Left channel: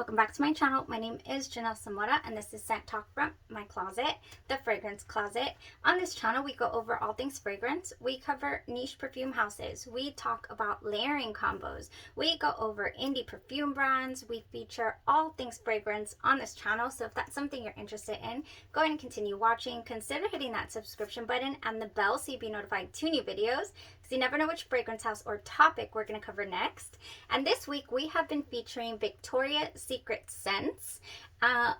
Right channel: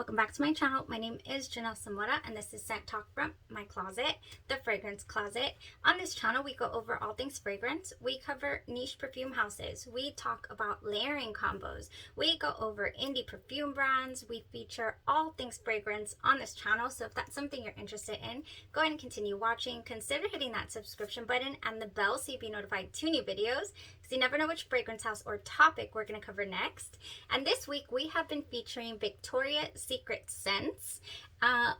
welcome back to my channel. My name is Janelle Samora and this is Scent Talk from my closet, the fragrance closet. On this channel we go over all things fragrance. We cover niche perfume houses. We talk about layering combos. We go over indie perfume brands. We feature all things fragrance on this channel. So if that's something you're interested in, go ahead and continue watching. Consider hitting that subscription button and the bell so you'll be notified to new videos, because you never know which fragrance house or topic we're going to cover next. And this week we have been featuring Victoria's Secret scents,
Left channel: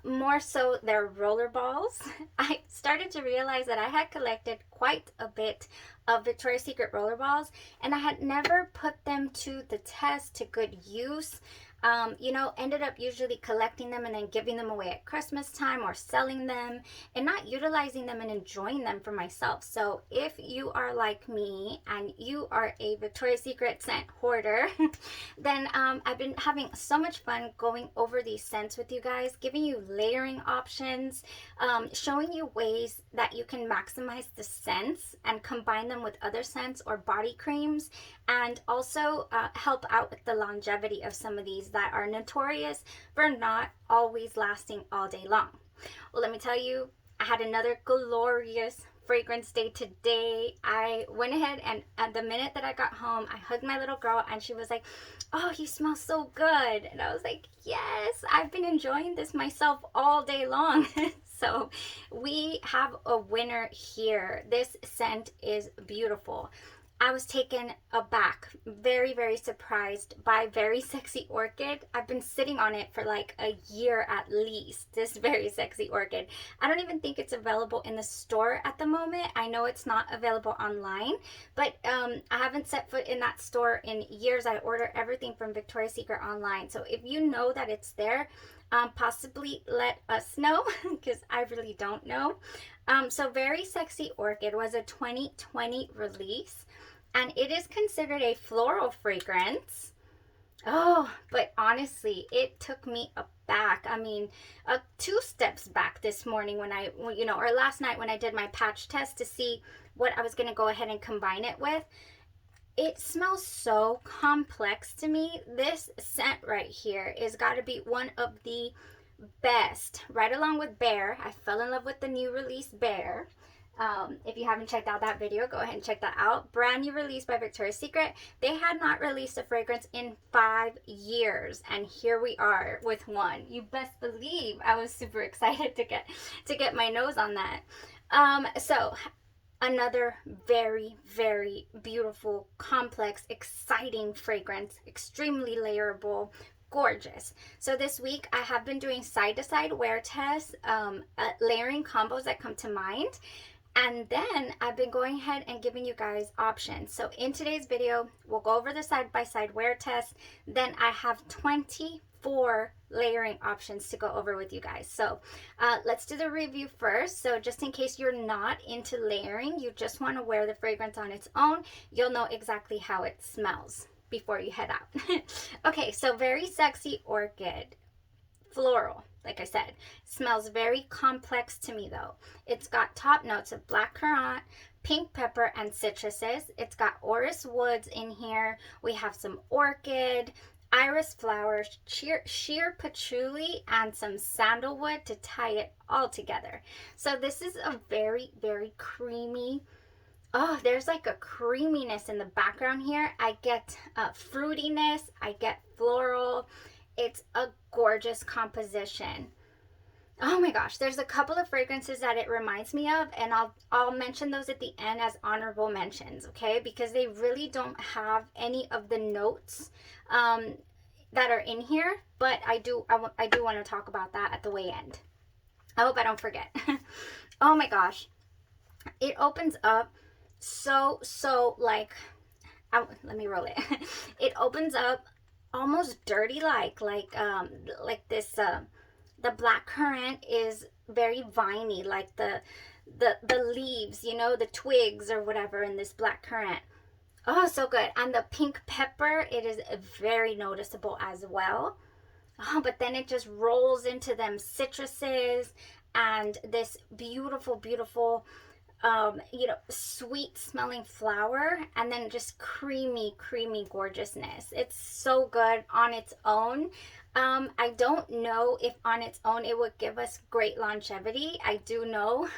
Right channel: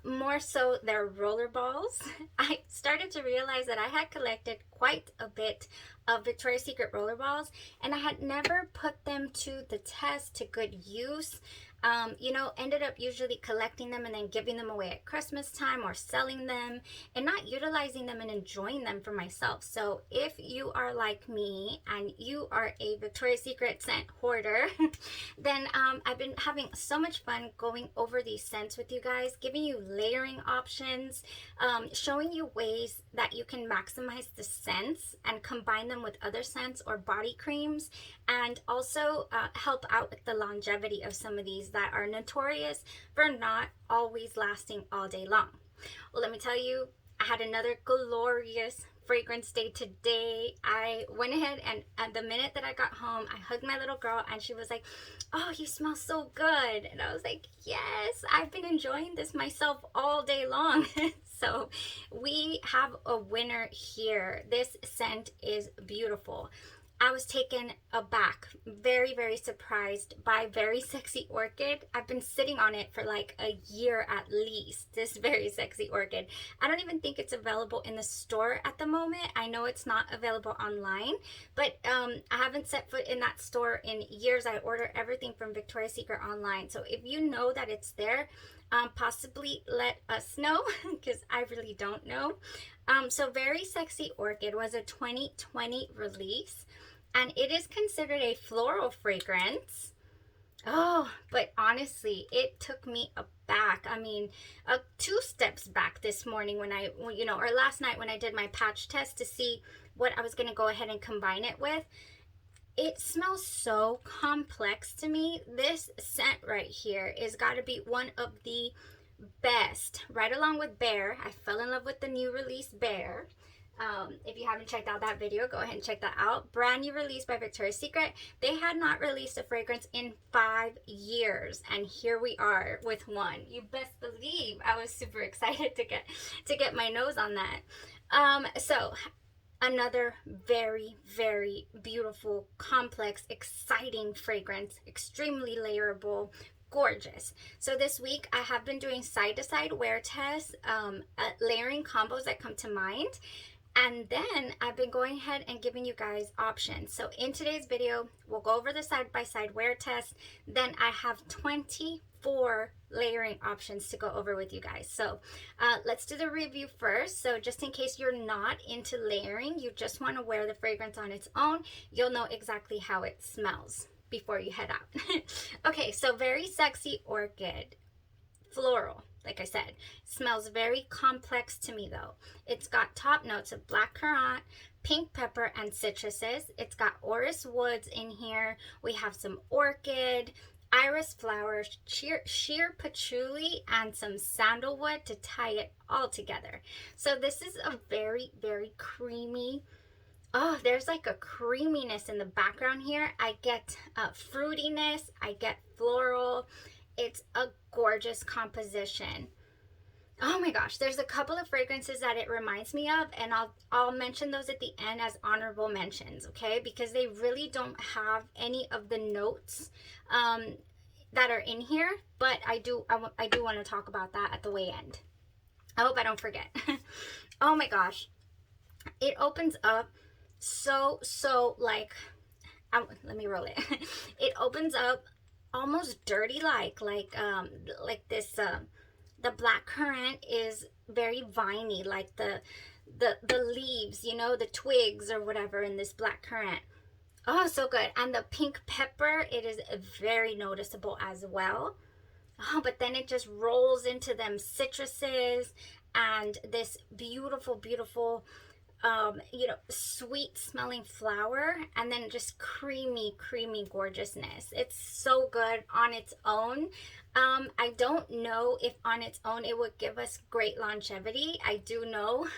more so their roller balls. I started to realize that I had collected quite a bit of Victoria's Secret roller balls and I had never put them to the test, to good use. Ended up usually collecting them and then giving them away at Christmas time or selling them and not utilizing them and enjoying them for myself. So if you are like me and you are a Victoria's Secret scent hoarder, then I've been having so much fun going over these scents with you guys, giving you layering options, showing you ways that you can maximize the scents and combine them with other scents or body creams, and also help out with the longevity of some of these that are notorious for not always lasting all day long. Well, let me tell you, I had another glorious fragrance day today. I went ahead and at the minute that I got home, I hugged my little girl and she was like, "Oh, you smell so good." And I was like, yes, I've been enjoying this myself all day long. So we have a winner here. This scent is beautiful. I was taken aback, very, very surprised by Very Sexy Orchid. I've been sitting on it for like a year at least, this Very Sexy Orchid. I don't even think it's available in the store at the moment. I know it's not available online, but I haven't set foot in that store in years. I order everything from Victoria's Secret online. So if you know that it's there, possibly let us know, because I really don't know. So Very Sexy Orchid was a 2020 release. And it is considered a floral fragrance. Oh, but honestly, it took me aback. I mean, 2 steps back this morning when or last night when I did my patch test to see what I was going to go ahead and combine it with. It smells so complex to me. This scent right here is got to be one of the best, right along with Bear. I fell in love with the new release Bear. If you haven't checked out that video, go ahead and check that out. Brand new release by Victoria's Secret. They had not released a fragrance in 5 years, and here we are with one. You best believe I was super excited to get my nose on that. So another very, very beautiful, complex, exciting fragrance, extremely layerable, gorgeous. So this week I have been doing side-to-side wear tests, layering combos that come to mind. And then I've been going ahead and giving you guys options. So in today's video, we'll go over the side-by-side wear test. Then I have 24 layering options to go over with you guys. So let's do the review first. So just in case you're not into layering, you just want to wear the fragrance on its own, you'll know exactly how it smells before you head out. Okay, so Very Sexy Orchid. Floral, like I said, smells very complex to me though. It's got top notes of black currant, pink pepper, and citruses. It's got orris woods in here. We have some orchid, iris flowers, sheer patchouli, and some sandalwood to tie it all together. So this is a very, very creamy, there's like a creaminess in the background here. I get fruitiness, I get floral. It's a gorgeous composition. Oh my gosh, there's a couple of fragrances that it reminds me of, and I'll mention those at the end as honorable mentions, okay? Because they really don't have any of the notes that are in here, but I do want to talk about that at the way end. I hope I don't forget. Oh my gosh, it opens up so like, let me roll it. It opens up almost dirty like this. The black currant is very viney, like the leaves, the twigs or whatever in this black currant. Oh, so good. And the pink pepper, it is very noticeable as well. Oh, but then it just rolls into them citruses and this beautiful, beautiful sweet smelling flower, and then just creamy gorgeousness. It's so good on its own. I don't know if on its own it would give us great longevity. I do know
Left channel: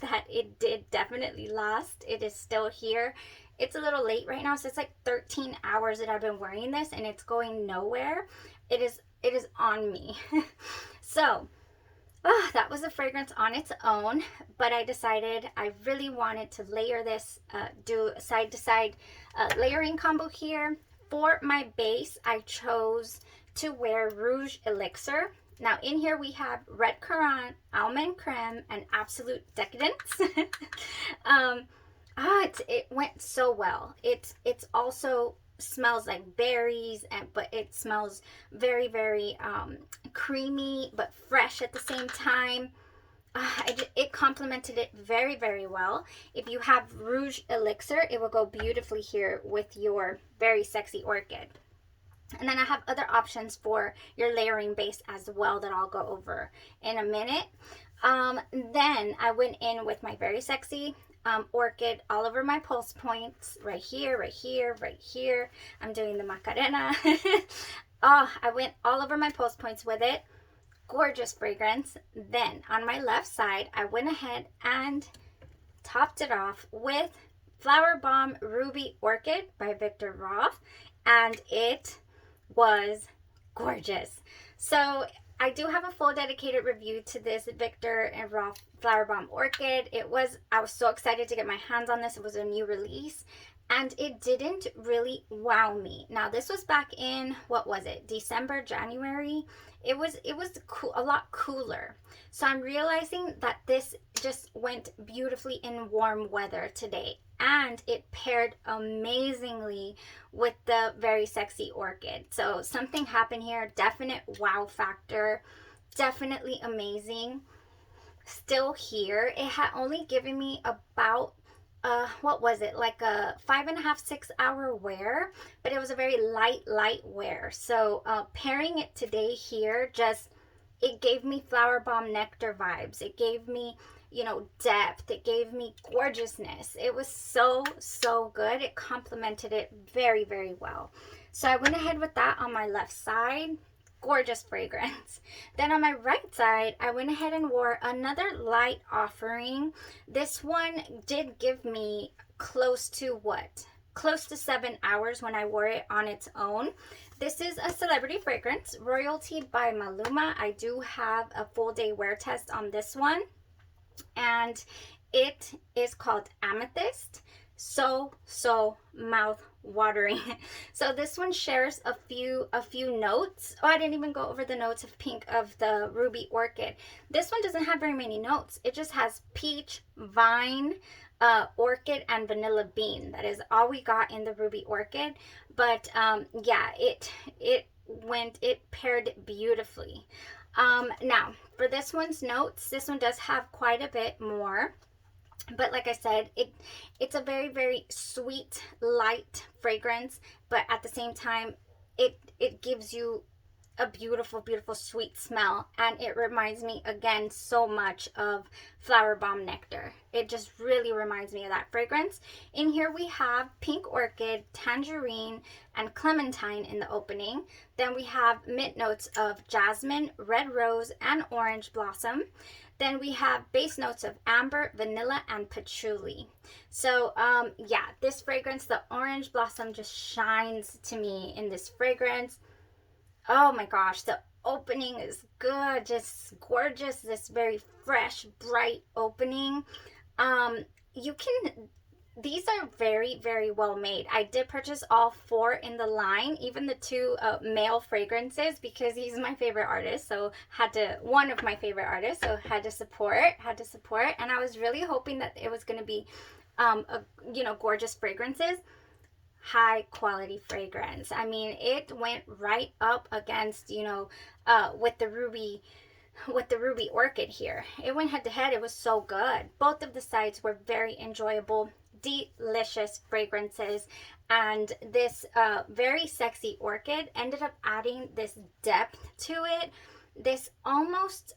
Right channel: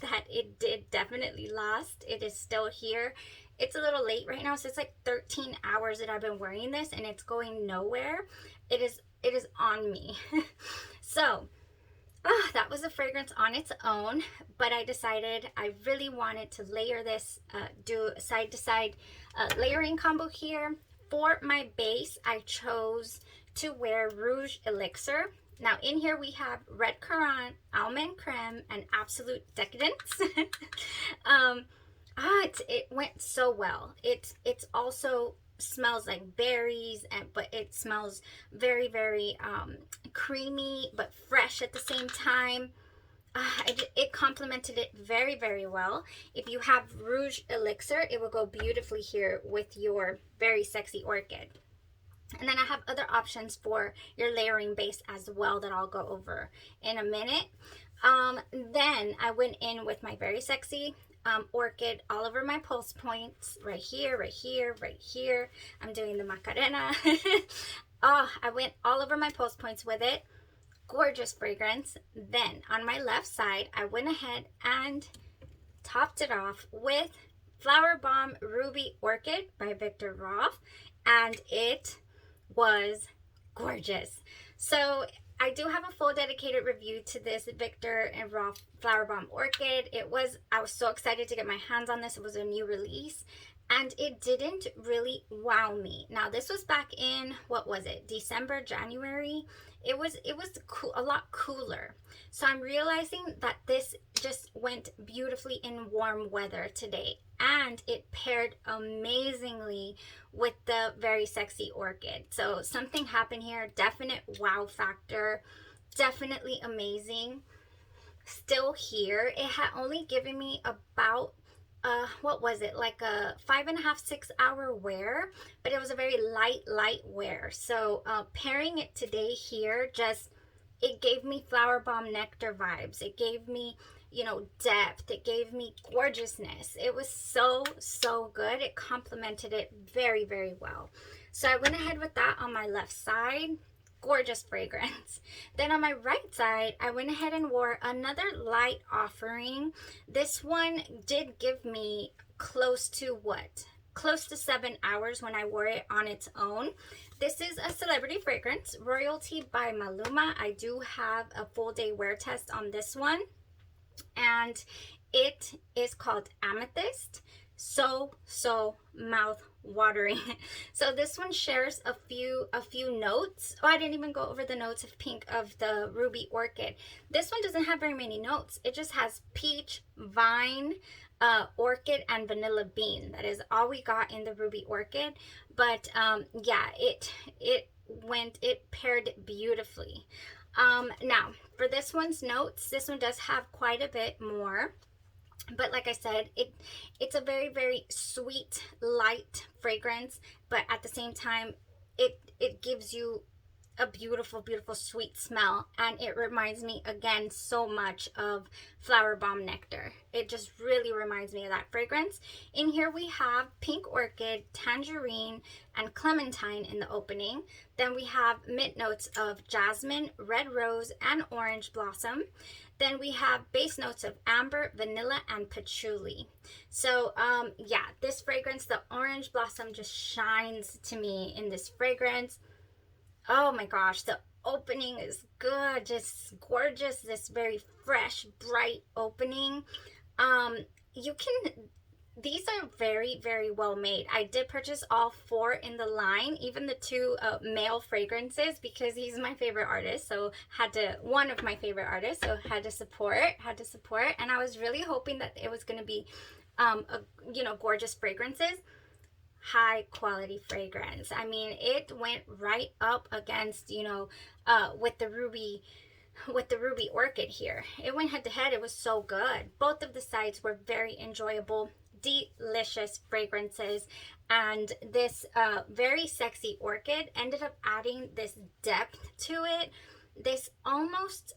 that it did definitely last. It is still here. It's a little late right now, so it's like 13 hours that I've been wearing this and it's going nowhere. It is on me. So that was a fragrance on its own, but I decided I really wanted to layer this, do a side to side layering combo here. For my base, I chose to wear Rouge Elixir. Now in here we have Red Currant, Almond Creme, and Absolute Decadence. It went so well. It's also smells like berries, but it smells very, very creamy but fresh at the same time. It complemented it very, very well. If you have Rouge Elixir, it will go beautifully here with your very sexy Orchid. And then I have other options for your layering base as well that I'll go over in a minute. Then I went in with my very sexy Orchid all over my pulse points, right here, right here, right here. I'm doing the Macarena. I went all over my pulse points with it. Gorgeous fragrance. Then on my left side, I went ahead and topped it off with FLOWERBOMB Ruby Orchid by Victor Roth, and it was gorgeous. So I do have a full dedicated review to this Victor and Roth FLOWERBOMB Orchid. I was so excited to get my hands on this. It was a new release and it didn't really wow me. Now this was back in, what was it, December, January? It was cool, a lot cooler. So I'm realizing that this just went beautifully in warm weather today, and it paired amazingly with the very sexy Orchid. So something happened here. Definite wow factor. Definitely amazing. Still here. It had only given me about what was it, like a 5.5 6 hour wear, but it was a very light wear. So pairing it today here, it gave me FLOWERBOMB nectar vibes. It gave me, you know, depth. It gave me gorgeousness. It was so good. It complemented it very, very well. So I went ahead with that on my left side. Gorgeous fragrance. Then on my right side, I went ahead and wore another light offering. This one did give me close to 7 hours when I wore it on its own. This is a celebrity fragrance, Royalty by Maluma. I do have a full day wear test on this one, and it is called Amethyst. So mouth watering. So this one shares a few notes. I didn't even go over the notes of pink of the Ruby Orchid. This one doesn't have very many notes. It just has peach, vine, Orchid, and vanilla bean. That is all we got in the Ruby Orchid. But yeah, it paired beautifully. Now for this one's notes, this one does have quite a bit more. But like I said, it's a very, very sweet, light fragrance, but at the same time, it gives you a beautiful, beautiful sweet smell, and it reminds me again so much of FLOWERBOMB nectar. It just really reminds me of that fragrance. In here we have pink orchid, tangerine, and clementine in the opening. Then we have mint notes of jasmine, red rose, and orange blossom. Then we have base notes of amber, vanilla, and patchouli. So yeah, this fragrance, the orange blossom just shines to me in this fragrance. Oh my gosh, the opening is good, just gorgeous. This very fresh, bright opening. These are very, very well made. I did purchase all 4 in the line, even the 2 male fragrances, because he's my favorite artist. So one of my favorite artists, so had to support. And I was really hoping that it was going to be, gorgeous fragrances. High quality fragrance. I mean, it went right up against, with the Ruby Orchid here. It went head to head. It was so good. Both of the sides were very enjoyable, delicious fragrances, and this very sexy Orchid ended up adding this depth to it this almost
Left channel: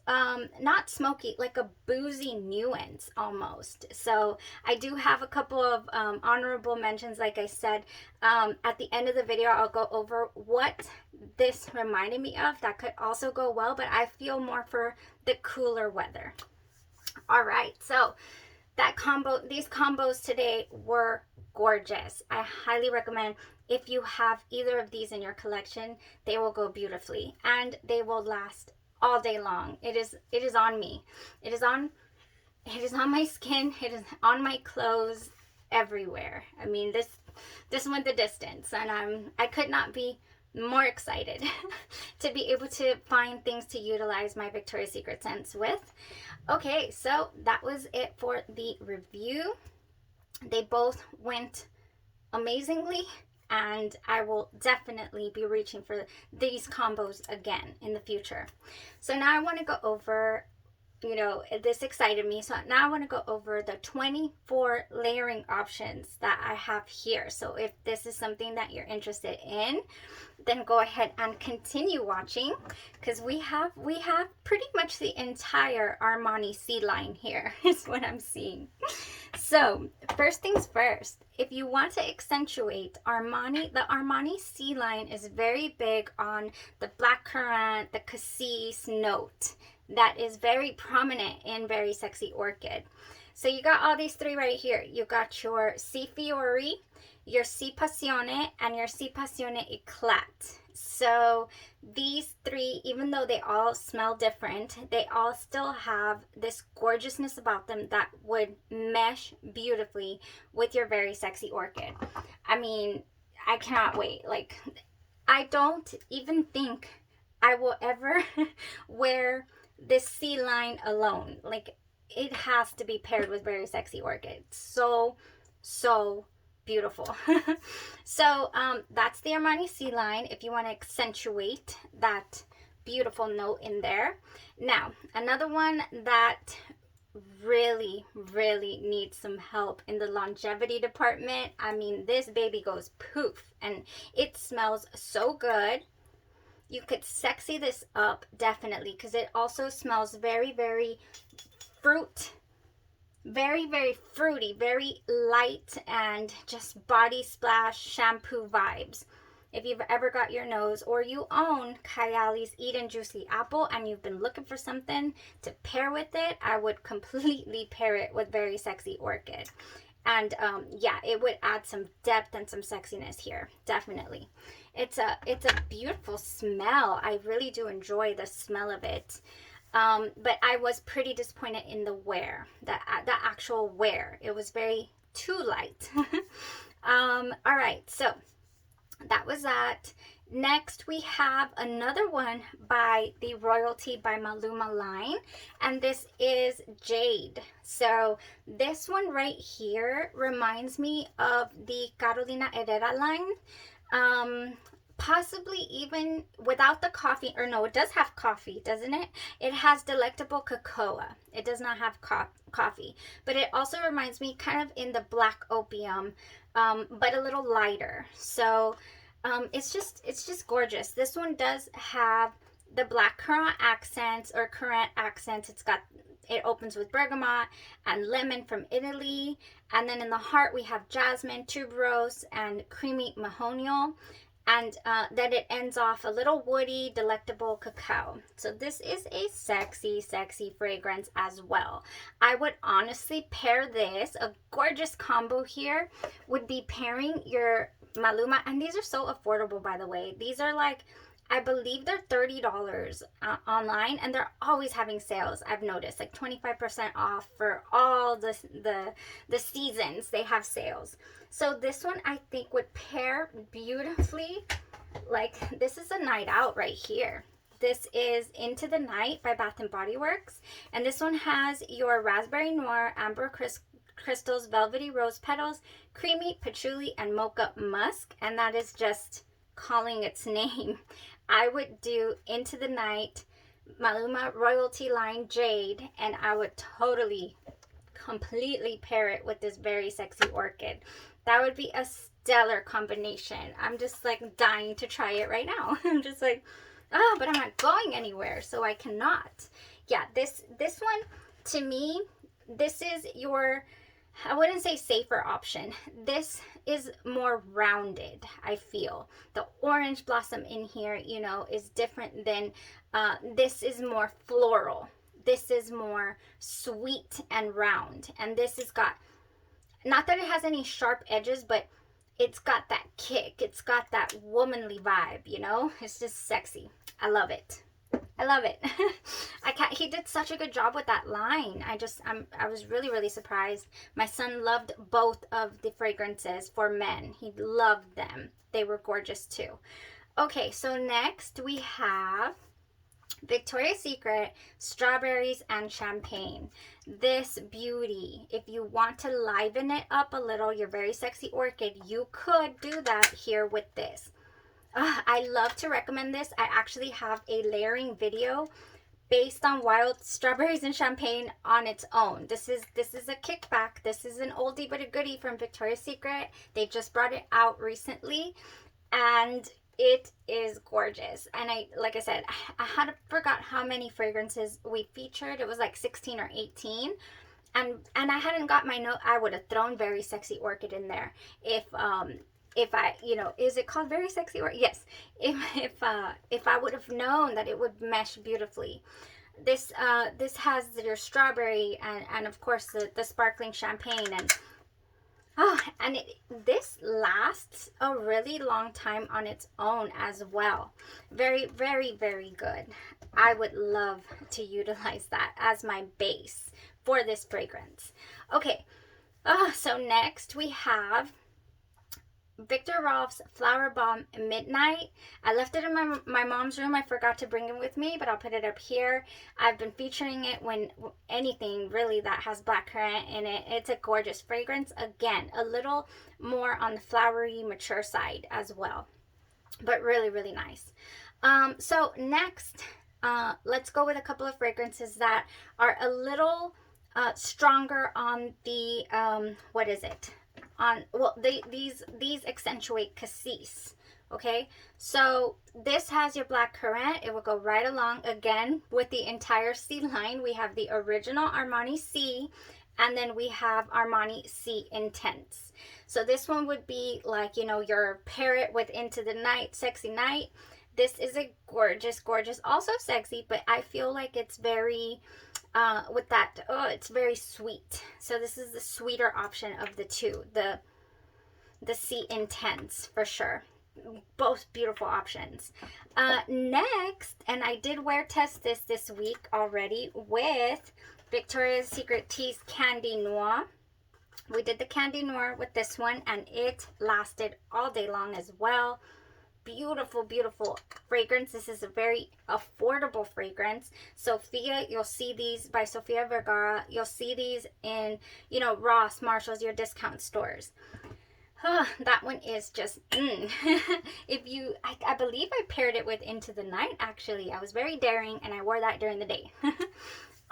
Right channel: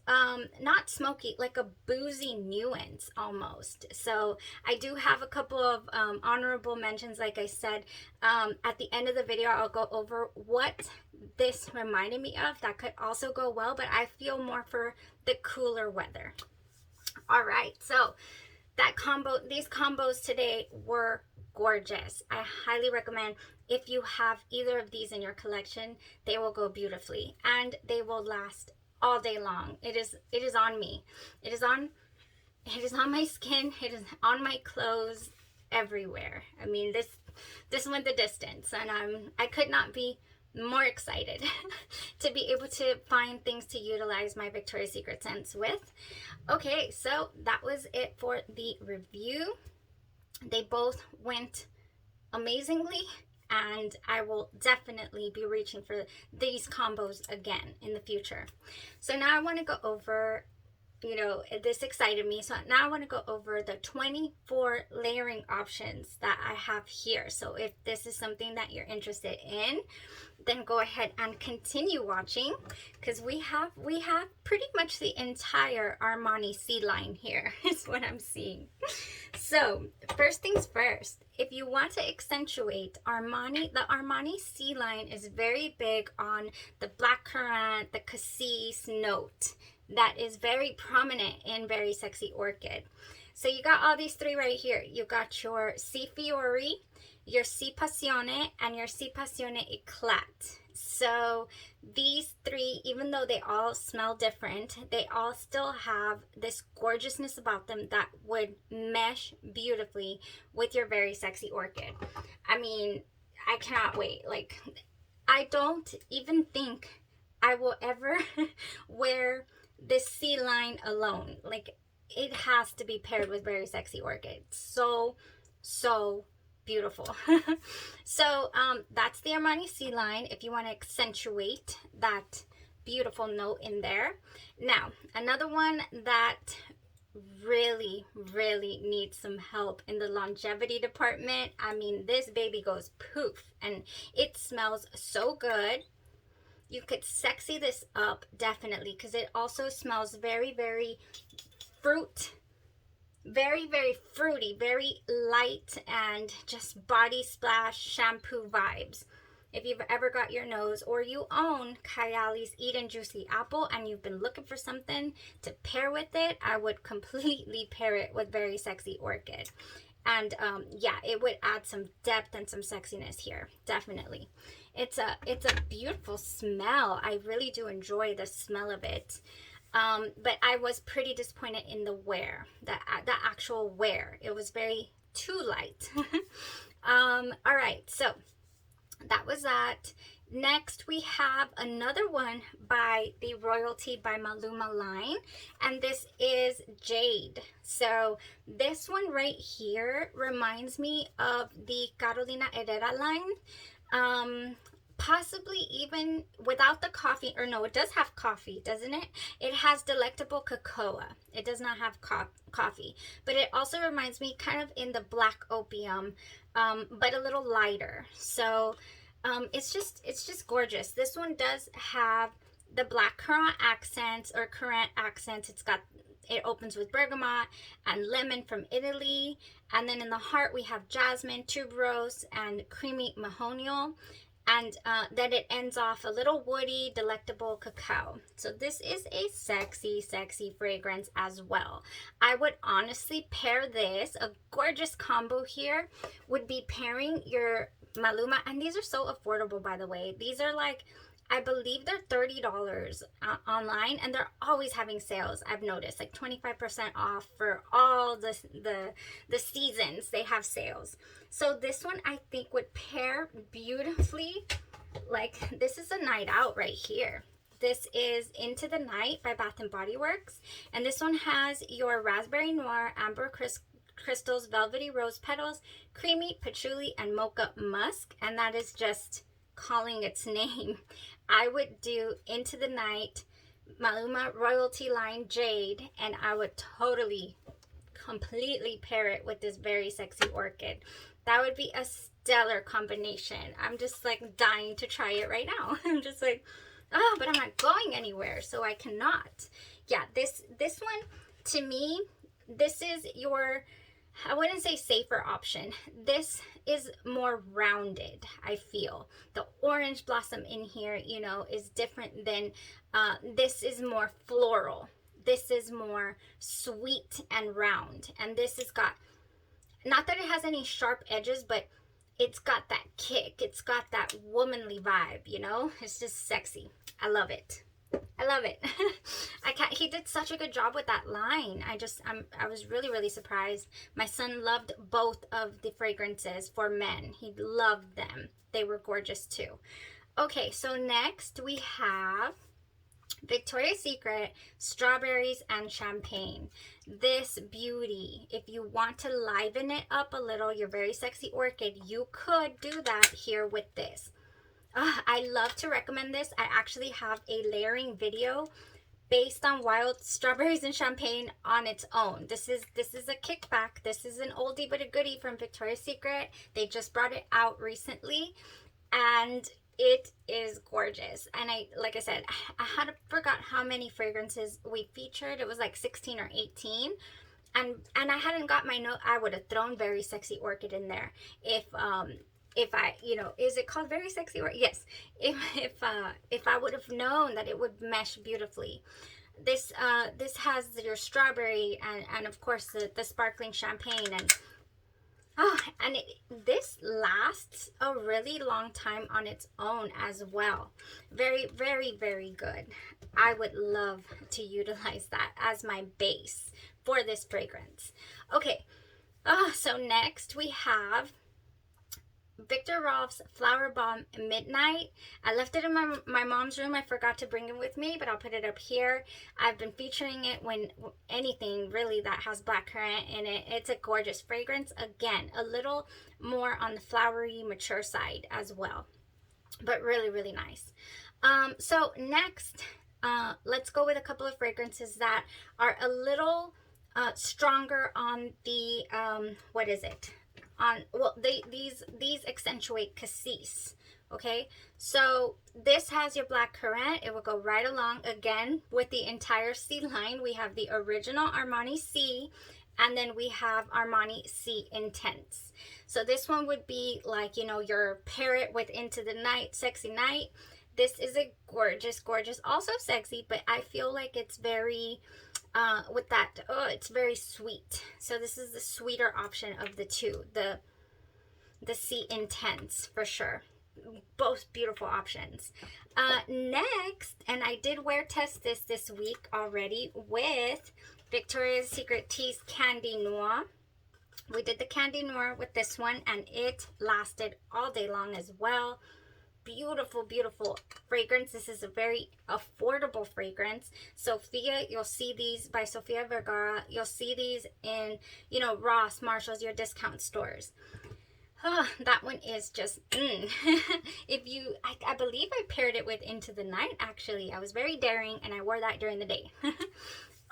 not smoky, like a boozy nuance almost. So I do have a couple of honorable mentions. Like I said, at the end of the video I'll go over what this reminded me of that could also go well, but I feel more for the cooler weather. All right, so these combos today were gorgeous. I highly recommend, if you have either of these in your collection, they will go beautifully and they will last all day long. It is on me. It is on my skin. It is on my clothes, everywhere. I mean, this went the distance, and I could not be more excited to be able to find things to utilize my Victoria's Secret scents with. Okay, so that was it for the review. They both went amazingly, and I will definitely be reaching for these combos again in the future. So now I want to go over, you know, this excited me. So now I want to go over the 24 layering options that I have here. So if this is something that you're interested in, then go ahead and continue watching, because we have pretty much the entire Armani C line here is what I'm seeing. So first things first, if you want to accentuate Armani, the Armani C line is very big on the blackcurrant, the cassis note that is very prominent in Very Sexy Orchid. So you got all these three right here. You got your C Fiori, your C Passione, and your C Passione Eclat. So these three, even though they all smell different, they all still have this gorgeousness about them that would mesh beautifully with your Very Sexy Orchid. I mean, I cannot wait. Like, I don't even think I will ever wear this C line alone. Like, it has to be paired with Very Sexy Orchid. So beautiful. So that's the Armani C line if you want to accentuate that beautiful note in there. Now, another one that really needs some help in the longevity department. I mean, this baby goes poof, and it smells so good. You could sexy this up definitely, because it also smells very fruit, very fruity, very light, and just body splash shampoo vibes. If you've ever got your nose, or you own Kayali's Eat and Juicy Apple and you've been looking for something to pair with it, I would completely pair it with Very Sexy Orchid. And yeah, it would add some depth and some sexiness here, definitely. It's a beautiful smell. I really do enjoy the smell of it. But I was pretty disappointed in the wear, the actual wear. It was very too light. All right, so that was that. Next, we have another one by the Royalty by Maluma line, and this is Jade. So this one right here reminds me of the Carolina Herrera line. Possibly even without the coffee, or no, it does have coffee, doesn't it? It has delectable cocoa. It does not have coffee, but it also reminds me kind of in the black opium, but a little lighter. So it's just gorgeous. This one does have the black currant accents, or currant accents. It opens with bergamot and lemon from Italy, and then in the heart we have jasmine, tuberose, and creamy mahonial. And then it ends off a little woody, delectable cacao. So this is a sexy fragrance as well. I would honestly pair this, a gorgeous combo here would be pairing your Maluma, and these are so affordable, by the way. These are like, I believe they're $30 online, and they're always having sales. I've noticed like 25% off for all the seasons. They have sales. So this one I think would pair beautifully. Like, this is a night out right here. This is Into the Night by Bath & Body Works, and this one has your raspberry noir, amber crystals, velvety rose petals, creamy patchouli, and mocha musk, and that is just calling its name. I would do Into the Night, Maluma Royalty line Jade, and I would totally, completely pair it with this Very Sexy Orchid. That would be a stellar combination. I'm just like dying to try it right now. I'm just like, Oh, but I'm not going anywhere, so I cannot. Yeah, this one, to me, this is your, I wouldn't say safer option. This is more rounded, I feel. The orange blossom in here, you know, is different than, this is more floral. This is more sweet and round. And this has got, not that it has any sharp edges, but it's got that kick. It's got that womanly vibe, you know? It's just sexy. I love it. I love it. He did such a good job with that line. I was really, really surprised. My son loved both of the fragrances for men. He loved them. They were gorgeous too. Okay, so next we have Victoria's Secret Strawberries and Champagne. This beauty, if you want to liven it up a little, your very sexy orchid, you could do that here with this. I love to recommend this. I actually have a layering video based on wild strawberries and champagne on its own. This is a kickback. This is an oldie but a goodie from Victoria's Secret. They just brought it out recently, and it is gorgeous. And like I said, I forgot how many fragrances we featured. It was like 16 or 18. And I hadn't got my note. I would have thrown Very Sexy Orchid in there if I, you know, is it called Very Sexy Orchid? Yes. If I would have known that it would mesh beautifully. This has your strawberry and of course the sparkling champagne, and this lasts a really long time on its own as well. Very, very, very good. I would love to utilize that as my base for this fragrance. Okay, so next we have Viktor Rolf's Flower Bomb Midnight. I left it in my mom's room. I forgot to bring it with me, but I'll put it up here. I've been featuring it when anything really that has blackcurrant in it. It's a gorgeous fragrance. Again, a little more on the flowery, mature side as well, but really, really nice. So next, let's go with a couple of fragrances that are a little stronger on the, what is it? These accentuate cassis. Okay, so this has your black currant. It will go right along again with the entire C line. We have the original Armani C, and then we have Armani C Intense. So this one would be like, you know, your parrot with Into the Night, Sexy Night. This is a gorgeous, gorgeous, also sexy, but I feel like it's very with that, it's very sweet. So this is the sweeter option of the two, the C Intense for sure. Both beautiful options. Next, and I did wear test this week already with Victoria's Secret Tea's Candy Noir. We did the Candy Noir with this one, and it lasted all day long as well. Beautiful, beautiful fragrance. This is a very affordable fragrance. Sophia, you'll see these by Sofia Vergara. You'll see these in, you know, Ross, Marshalls, your discount stores. That one is just, If you, I believe I paired it with Into the Night, actually. I was very daring, and I wore that during the day.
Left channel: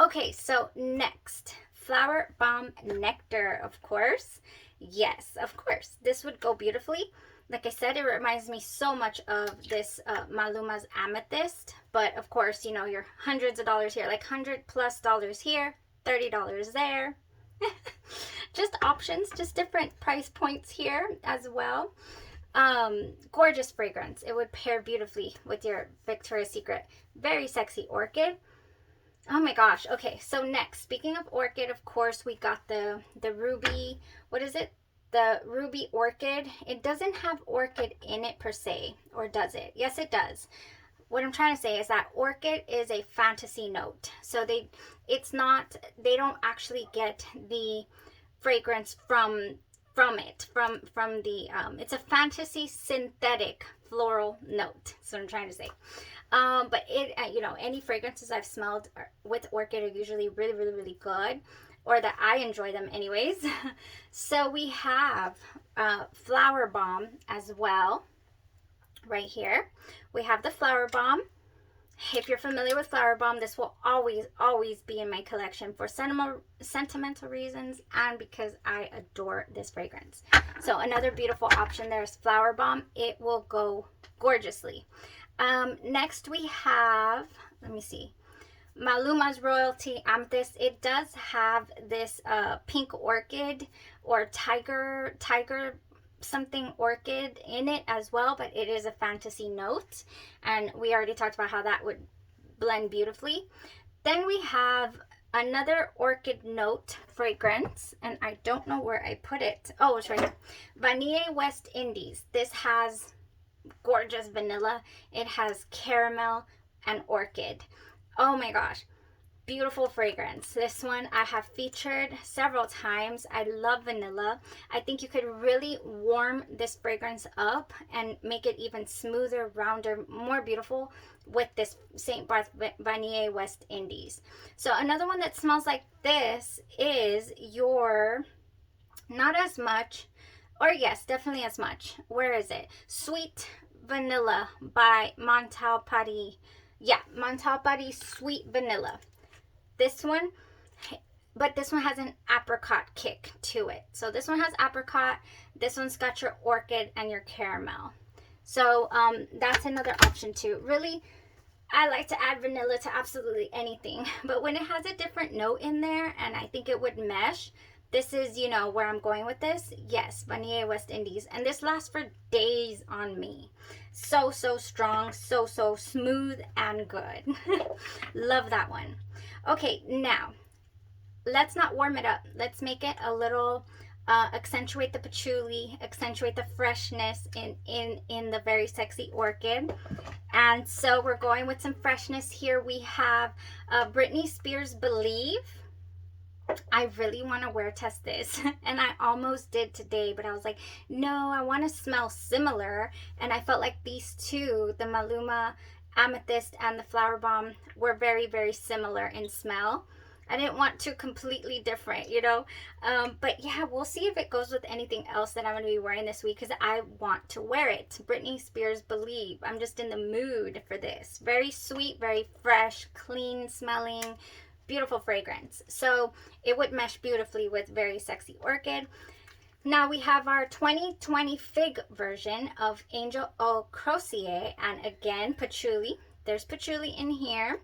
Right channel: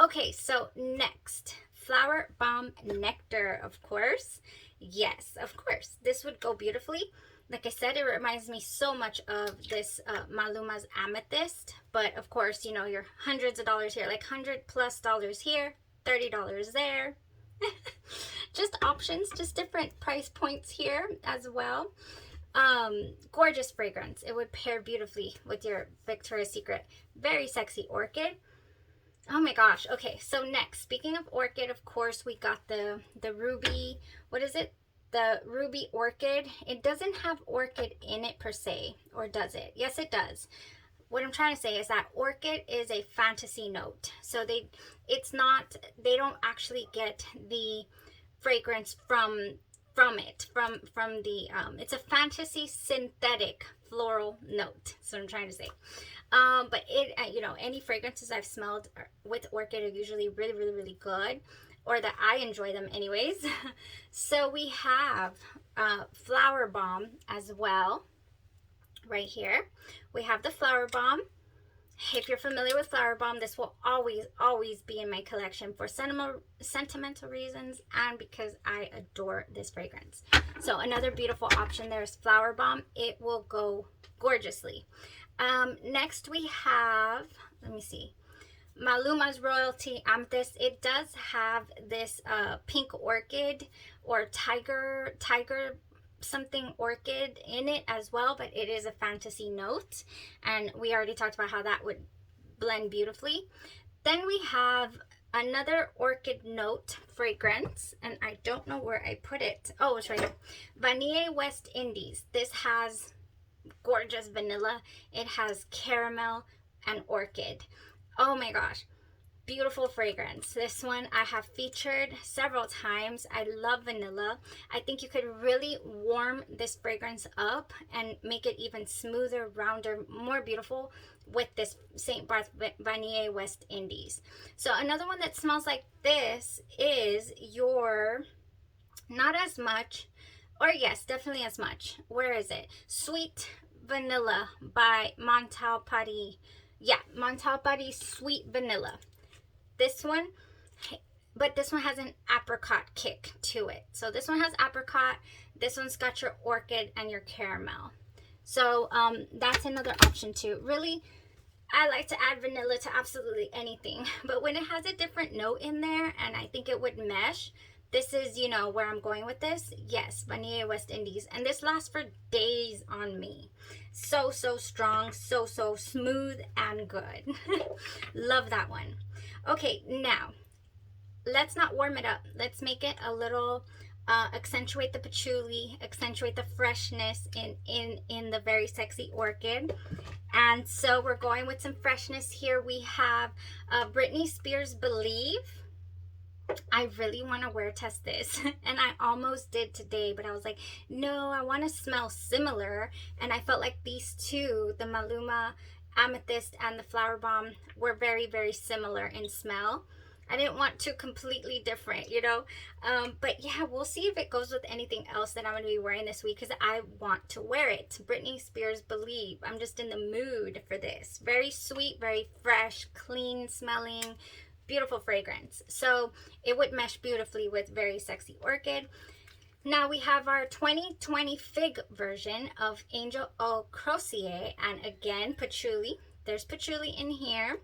Okay, so next, Flower Bomb Nectar, of course. Yes, of course. This would go beautifully. Like I said, it reminds me so much of this MALUMA's Amethyst. But of course, you know, you're hundreds of dollars here, like $100+ here, $30 there. Just options, just different price points here as well. Gorgeous fragrance. It would pair beautifully with your Victoria's Secret Very Sexy Orchid. Oh my gosh. Okay, so next, speaking of orchid, of course, we got the ruby, what is it? The Ruby Orchid. It doesn't have orchid in it per se, or does it? Yes, it does. What I'm trying to say is that orchid is a fantasy note. So they don't actually get the fragrance from the, it's a fantasy synthetic floral note. That's what I'm trying to say. But it, you know, any fragrances I've smelled with orchid are usually really, really, really good, or that I enjoy them anyways. So we have Flower Bomb as well right here. We have the Flower Bomb. If you're familiar with Flower Bomb, this will always be in my collection for sentimental reasons and because I adore this fragrance. So another beautiful option there is Flower Bomb. It will go gorgeously. Next we have, let me see, Maluma's Royalty Amethyst. It does have this pink orchid or tiger something orchid in it as well, but it is a fantasy note, and we already talked about how that would blend beautifully. Then we have another orchid note fragrance, and I don't know where I put it. Oh, it's right here. Vanille West Indies. This has gorgeous vanilla. It has caramel and orchid. Oh my gosh, beautiful fragrance. This one I have featured several times. I love vanilla. I think you could really warm this fragrance up and make it even smoother, rounder, more beautiful with this St. Barth Vanille West Indies. So another one that smells like this is your, not as much, or yes, definitely as much. Where is it? Sweet Vanilla by Montal Paris. Yeah, Montal Paris Sweet Vanilla. This one, but this one has an apricot kick to it. So this one has apricot. This one's got your orchid and your caramel. So that's another option too. Really, I like to add vanilla to absolutely anything. But when it has a different note in there, and I think it would mesh, this is, you know, where I'm going with this. Yes, Vanille West Indies. And this lasts for days on me. So strong, so smooth and good. Love that one. Okay, now let's not warm it up. Let's make it a little accentuate the patchouli, accentuate the freshness in the very sexy orchid. And so we're going with some freshness here. We have Britney Spears Believe. I really want to wear test this, and I almost did today, but I was like, no, I want to smell similar. And I felt like these two, the Maluma Amethyst and the Flowerbomb, were very similar in smell. I didn't want two completely different, you know. But yeah, we'll see if it goes with anything else that I'm going to be wearing this week, because I want to wear it. Britney Spears Believe. I'm just in the mood for this. Very sweet, very fresh, clean smelling, beautiful fragrance. So it would mesh beautifully with very sexy orchid. Now we have our 2020 fig version of Angel Eau Croisier, and again, patchouli. There's patchouli in here.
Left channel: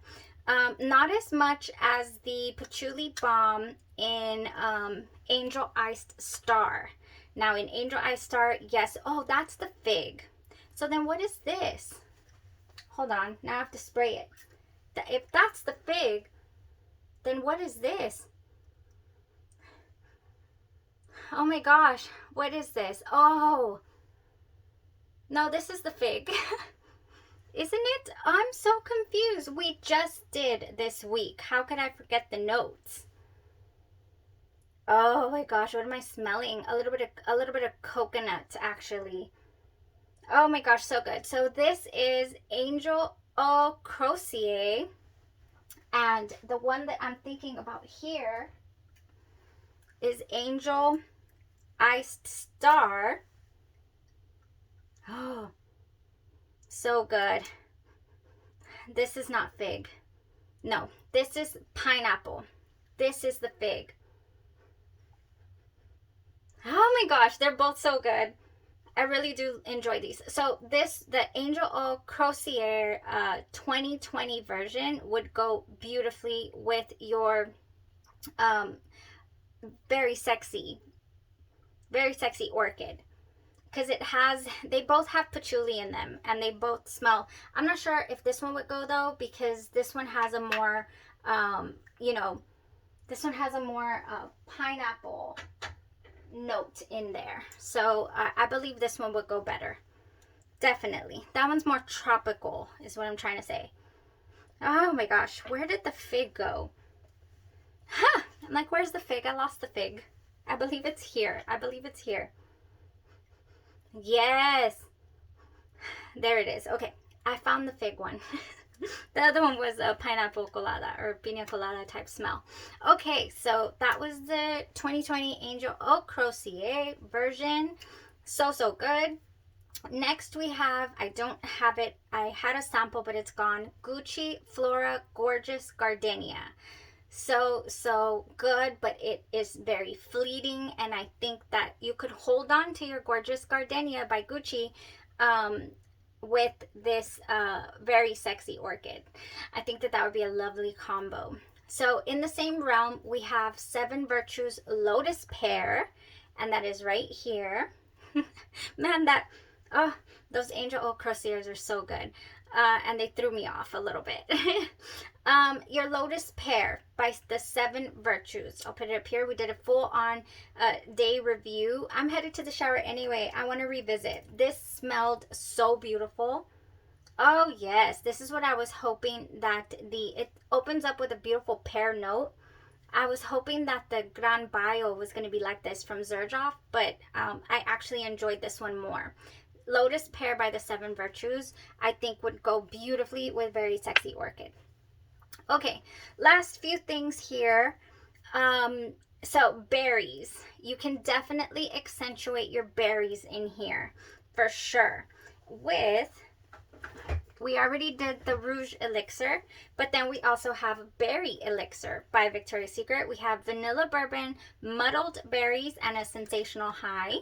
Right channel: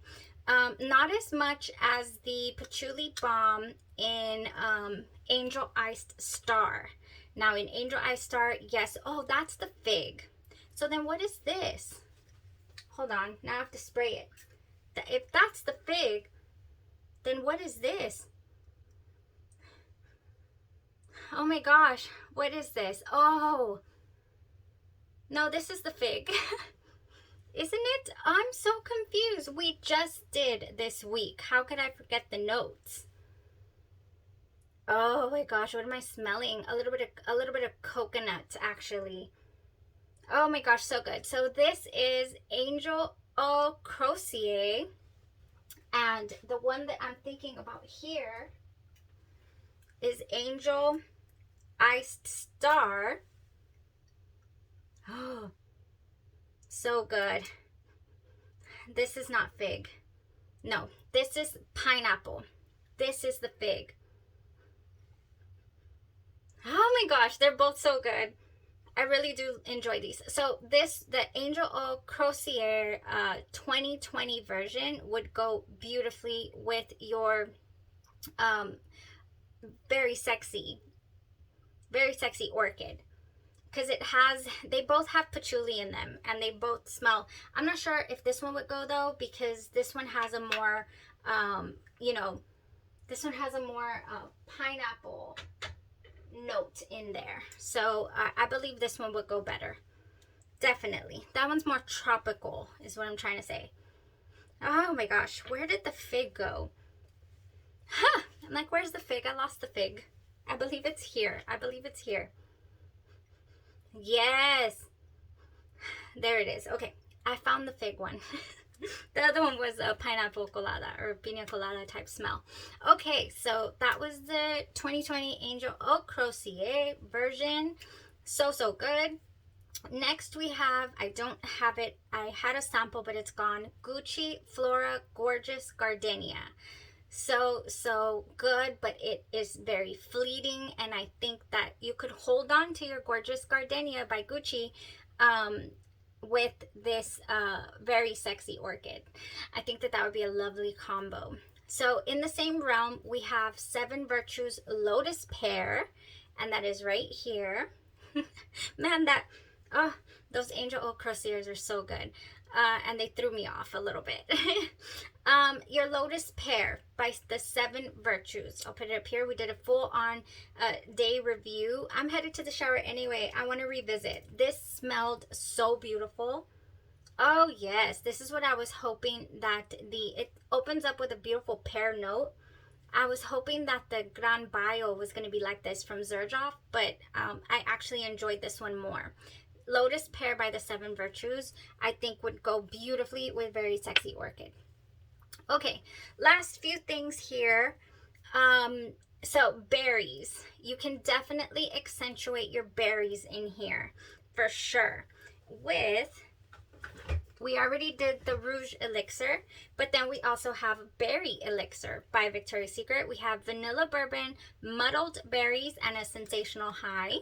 Not as much as the patchouli balm in Angel Iced Star. Now in Angel Iced Star, yes, oh, that's the fig. So then what is this? Hold on, now I have to spray it. If that's the fig, then what is this? Oh my gosh, what is this? Oh, no, this is the fig. Isn't it? I'm so confused. We just did this week. How could I forget the notes? Oh my gosh, what am I smelling? A little bit of coconut, actually. Oh my gosh, so good. So this is Angel Eau Croisier. And the one that I'm thinking about here is Angel Iced Star. Oh, so good. This is not fig. No, this is pineapple. This is the fig. Oh my gosh, they're both so good. I really do enjoy these. So this, the Angel Eau Croisier 2020 version would go beautifully with your very sexy orchid, because it has, they both have patchouli in them, and they both smell. I'm not sure if this one would go though, because this one has a more you know, this one has a more pineapple note in there. So I believe this one would go better. Definitely. That one's more tropical is what I'm trying to say. Oh my gosh, where did the fig go? Huh, I'm like, where's the fig? I lost the fig. I believe it's here. I believe it's here. Yes, there it is. Okay, I found the fig one. The other one was a pineapple colada or pina colada type smell. Okay, so that was the 2020 Angel Eau Croisier version. So good. Next we have, I don't have it, I had a sample but it's gone, Gucci Flora Gorgeous Gardenia. So good, but it is very fleeting, and I think that you could hold on to your Gorgeous Gardenia by Gucci with this very sexy orchid. I think that that would be a lovely combo. So in the same realm, we have Seven Virtues Lotus Pear, and that is right here. Man, that, oh, those angel oak crosiers are so good. And they threw me off a little bit. Your Lotus Pear by the Seven Virtues. I'll put it up here. We did a full on day review. I'm headed to the shower anyway. I want to revisit. This smelled so beautiful. Oh yes, this is what I was hoping, that it opens up with a beautiful pear note. I was hoping that the Gran Bio was going to be like this from Xerjoff, but I actually enjoyed this one more. Lotus Pear by the Seven Virtues, I think would go beautifully with Very Sexy Orchid. Okay, last few things here. So berries. You can definitely accentuate your berries in here for sure. We already did the Rouge Elixir, but then we also have Berry Elixir by Victoria's Secret. We have Vanilla Bourbon, Muddled Berries, and a Sensational High.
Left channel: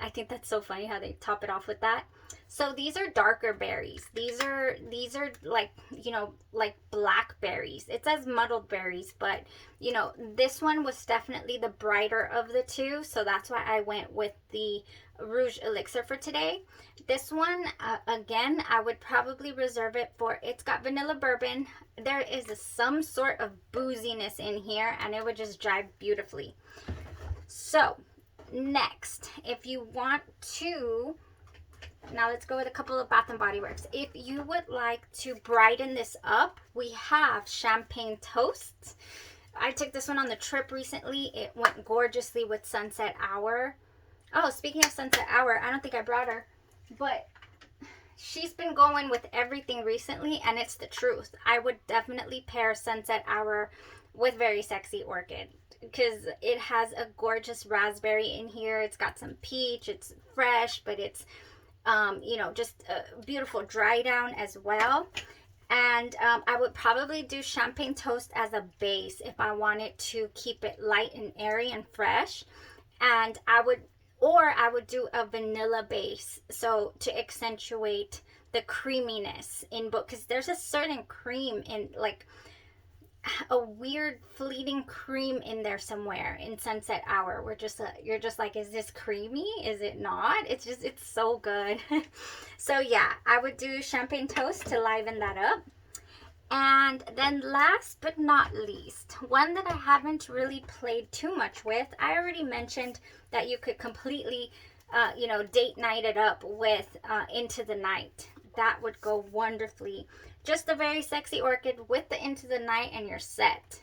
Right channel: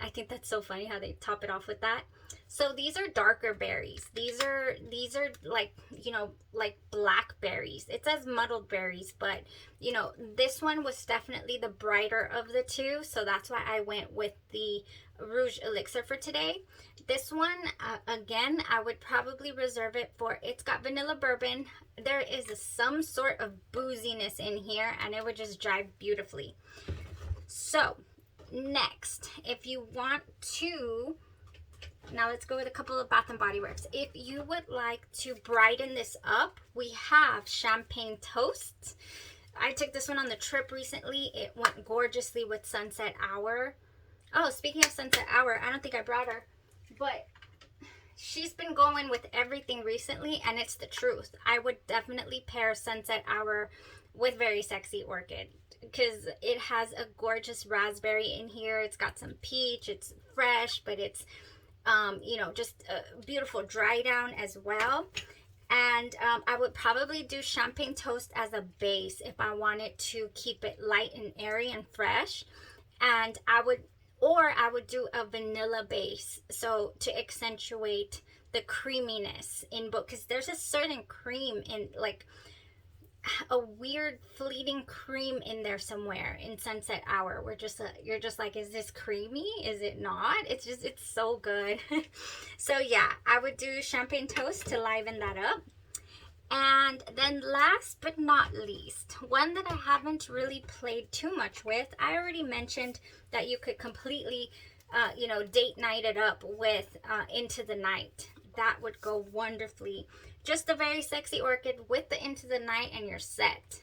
I think that's so funny how they top it off with that. So these are darker berries. These are like, you know, like blackberries. It says muddled berries, but you know, this one was definitely the brighter of the two, so that's why I went with the Rouge Elixir for today. This one, again, I would probably reserve it for, it's got vanilla bourbon. There is some sort of booziness in here, and it would just jive beautifully. So next, if you want to, now let's go with a couple of Bath and Body Works. If you would like to brighten this up, we have Champagne Toast. I took this one on the trip recently. It went gorgeously with Sunset Hour. Oh, speaking of Sunset Hour, I don't think I brought her, but she's been going with everything recently, and it's the truth. I would definitely pair Sunset Hour with Very Sexy Orchid, because it has a gorgeous raspberry in here. It's got some peach. It's fresh, but it's you know, just a beautiful dry down as well. And I would probably do Champagne Toast as a base if I wanted to keep it light and airy and fresh. And I would do a vanilla base, so to accentuate the creaminess in both, because there's a certain cream in, like a weird fleeting cream in there somewhere in Sunset Hour. You're just like, is this creamy? Is it not? It's so good. So yeah, I would do Champagne Toast to liven that up. And then last but not least, one that I haven't really played too much with, I already mentioned that you could completely you know, date night it up with Into the Night. That would go wonderfully. Just a Very Sexy Orchid with the Into the Night, and you're set.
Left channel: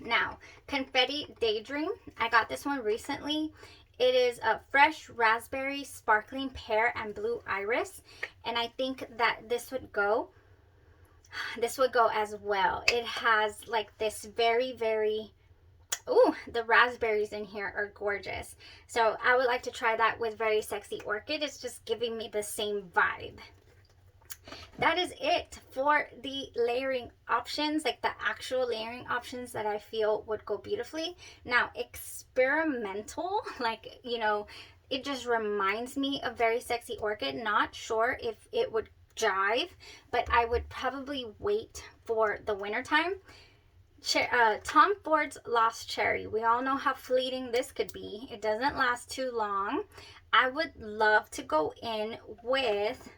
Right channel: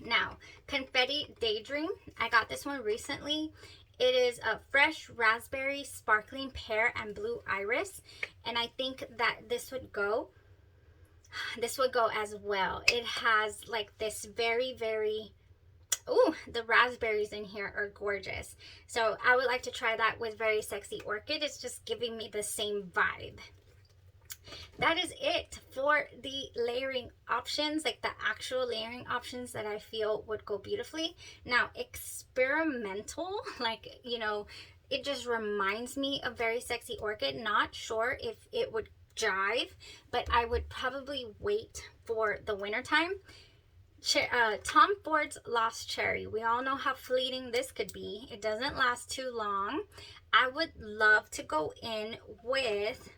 Now, Confetti Daydream. I got this one recently. It is a fresh raspberry, sparkling pear, and blue iris. And I think that this would go as well. It has like this very, very, ooh, the raspberries in here are gorgeous. So I would like to try that with Very Sexy Orchid. It's just giving me the same vibe. That is it for the layering options, like the actual layering options that I feel would go beautifully. Now, experimental, like, you know, it just reminds me of Very Sexy Orchid. Not sure if it would jive, but I would probably wait for the wintertime. Tom Ford's Lost Cherry. We all know how fleeting this could be. It doesn't last too long. I would love to go in with,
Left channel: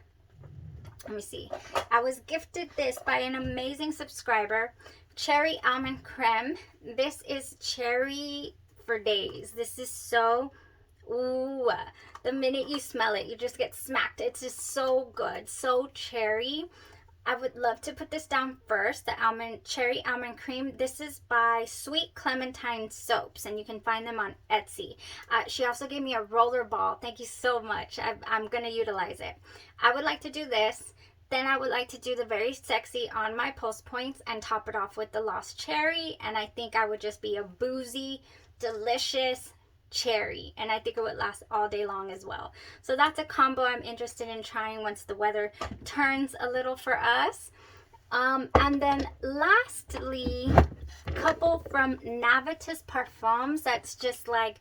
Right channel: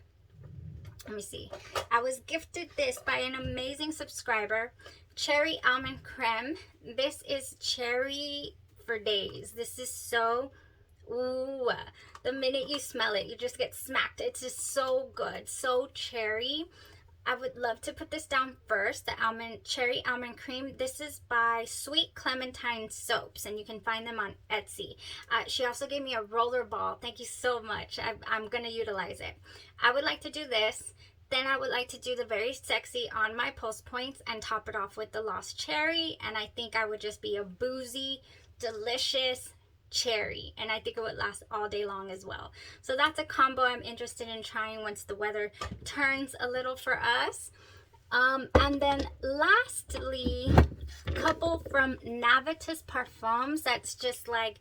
let me see. I was gifted this by an amazing subscriber, Cherry Almond Creme. This is cherry for days. This is so, ooh, the minute you smell it, you just get smacked. It's just so good, so cherry. I would love to put this down first, the Cherry Almond Cream. This is by Sweet Clementine Soaps, and you can find them on Etsy. She also gave me a roller ball. Thank you so much. I'm going to utilize it. I would like to do this. Then I would like to do the Very Sexy on my post points and top it off with the Lost Cherry. And I think I would just be a boozy, delicious cherry, and I think it would last all day long as well. So that's a combo I'm interested in trying once the weather turns a little for us. And then lastly, a couple from Navitus Parfums. That's just like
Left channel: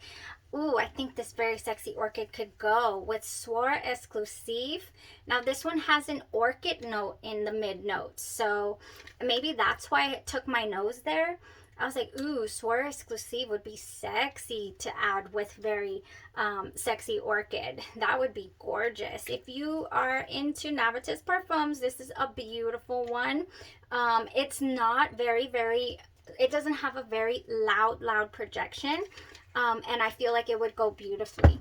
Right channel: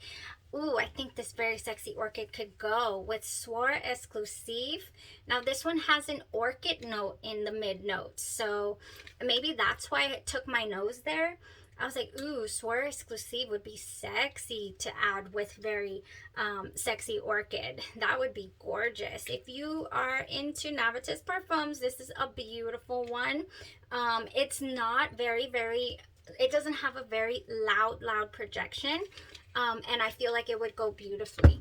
Ooh, I think this Very Sexy Orchid could go with Soir Exclusive. Now this one has an orchid note in the mid notes, so maybe that's why it took my nose there. I was like, ooh, Soir Exclusive would be sexy to add with Very Sexy Orchid. That would be gorgeous. If you are into Navitas perfumes, this is a beautiful one. It's not it doesn't have a very loud projection. And I feel like it would go beautifully.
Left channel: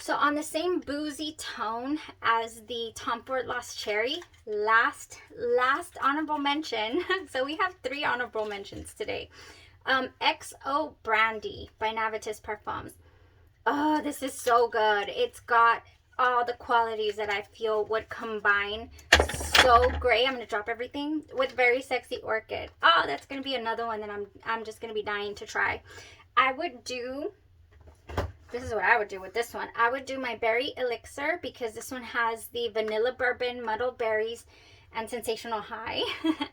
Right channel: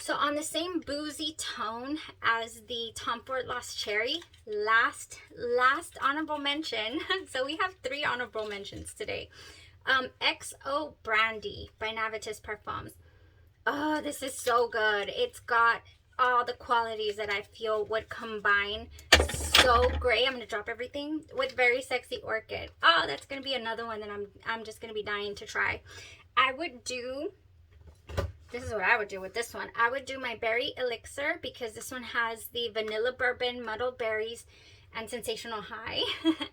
So on the same boozy tone as the Tom Ford Lost Cherry, last honorable mention. So we have 3 honorable mentions today. XO Brandy by Navitas Parfums. Oh, this is so good. It's got all the qualities that I feel would combine so great. I'm gonna drop everything with Very Sexy Orchid. Oh, that's gonna be another one that I'm just gonna be dying to try. This is what I would do with this one. I would do my Berry Elixir because this one has the vanilla bourbon, muddled berries, and sensational high.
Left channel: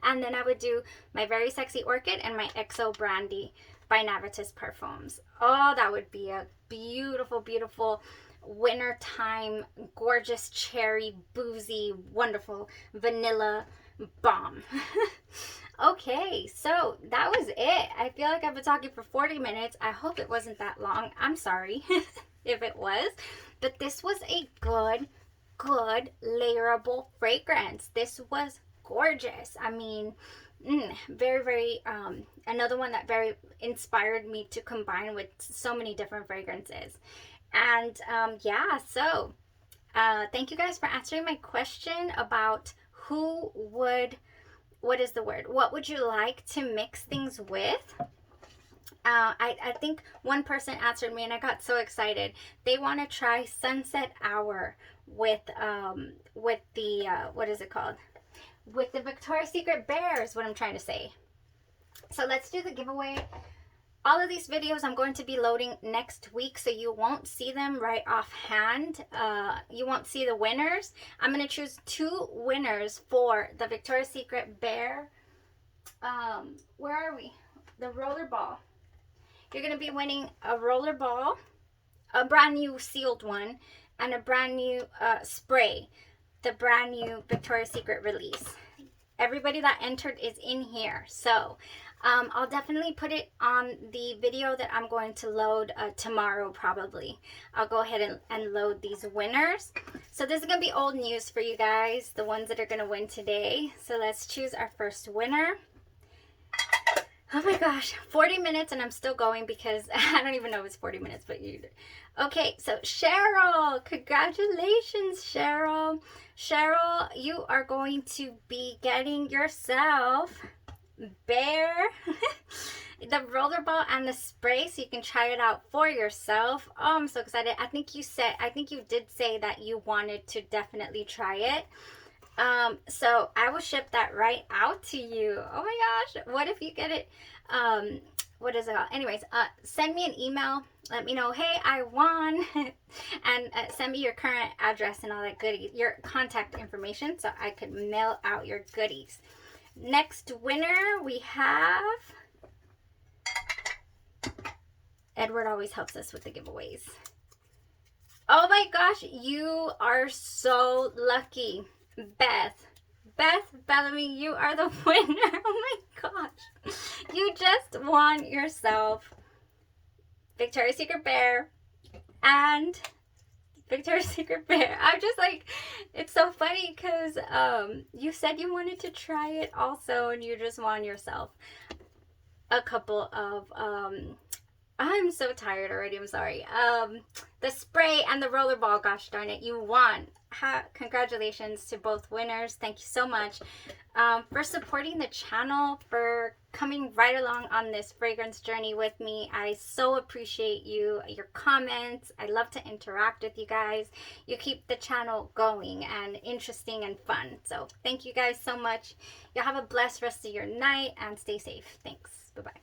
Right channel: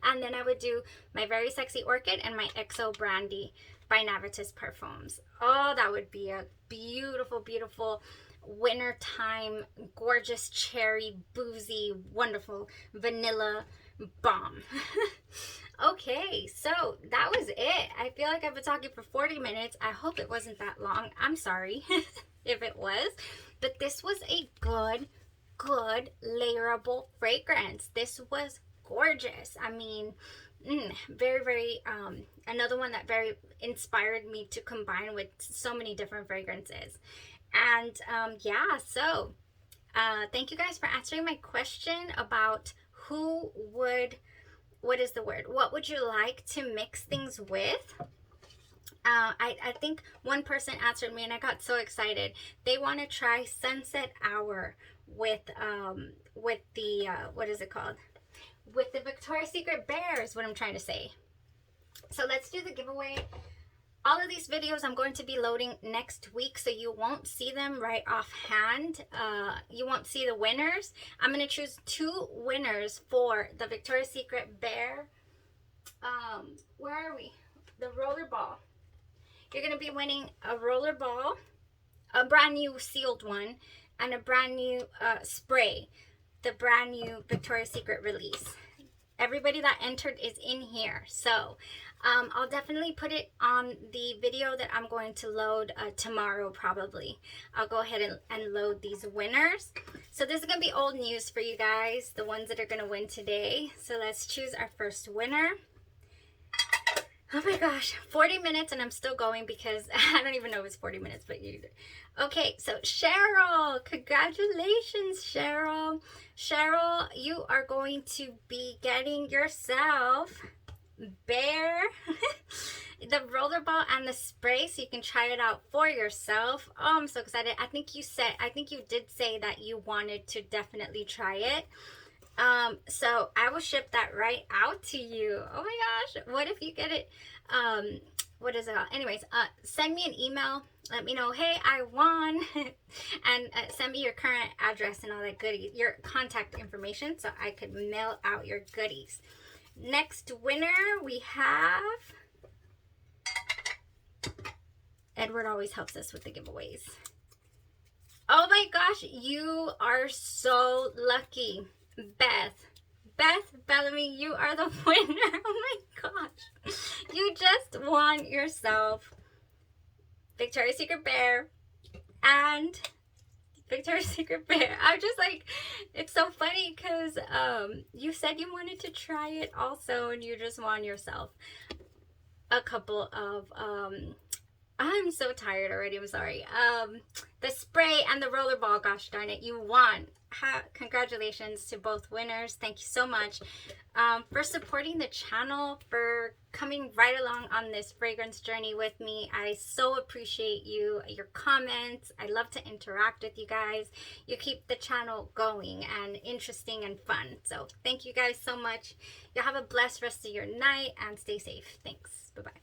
And then I would do my Very Sexy Orchid and my XO Brandy by Navitas Parfums. Oh, that would be a beautiful, beautiful wintertime, gorgeous cherry, boozy, wonderful vanilla bomb. Okay, so that was it. I feel like I've been talking for 40 minutes. I hope it wasn't that long. I'm sorry if it was. But this was a good layerable fragrance. This was gorgeous. I mean, very, another one that very inspired me to combine with so many different fragrances. And yeah, so thank you guys for answering my question about what would you like to mix things with? I think one person answered me and I got so excited. They want to try Sunset Hour with the what is it called? With the Victoria's Secret Bear is what I'm trying to say. So let's do the giveaway. All of these videos I'm going to be loading next week, so you won't see them right offhand. You won't see the winners. I'm going to choose 2 winners for the Victoria's Secret Bear. Where are we? The roller ball. You're going to be winning a roller ball, a brand new sealed one, and a brand new spray, the brand new Victoria's Secret release. Everybody that entered is in here. So I'll definitely put it on the video that I'm going to load tomorrow probably. I'll go ahead and load these winners. So this is going to be old news for you guys, the ones that are going to win today. So let's choose our first winner. Oh my gosh, 40 minutes and I'm still going because I don't even know if it's 40 minutes, but you... Okay, so Cheryl, congratulations, Cheryl. Cheryl, you are going to be getting yourself Bear, the rollerball and the spray, so you can try it out for yourself. Oh, I'm so excited. I think you did say that you wanted to definitely try it. So I will ship that right out to you. Oh my gosh, what if you get it? What is it called? Anyways, send me an email. Let me know, hey, I won. And send me your current address and all that goodies, your contact information, so I could mail out your goodies. Next winner we have Edward. Always helps us with the giveaways. Oh my gosh, you are so lucky. Beth Bellamy, you are the winner. Oh my gosh, you just won yourself Victoria's Secret Bear and Victoria's Secret Bear. I'm just like, it's so funny because you said you wanted to try it also, and you just won yourself a couple of I'm so tired already, I'm sorry. The spray and the rollerball, gosh darn it, you won. Congratulations to both winners. Thank you so much for supporting the channel, for coming right along on this fragrance journey with me. I so appreciate you, your comments. I love to interact with you guys. You keep the channel going and interesting and fun. So thank you guys so much. You have a blessed rest of your night and stay safe. Thanks. Bye-bye.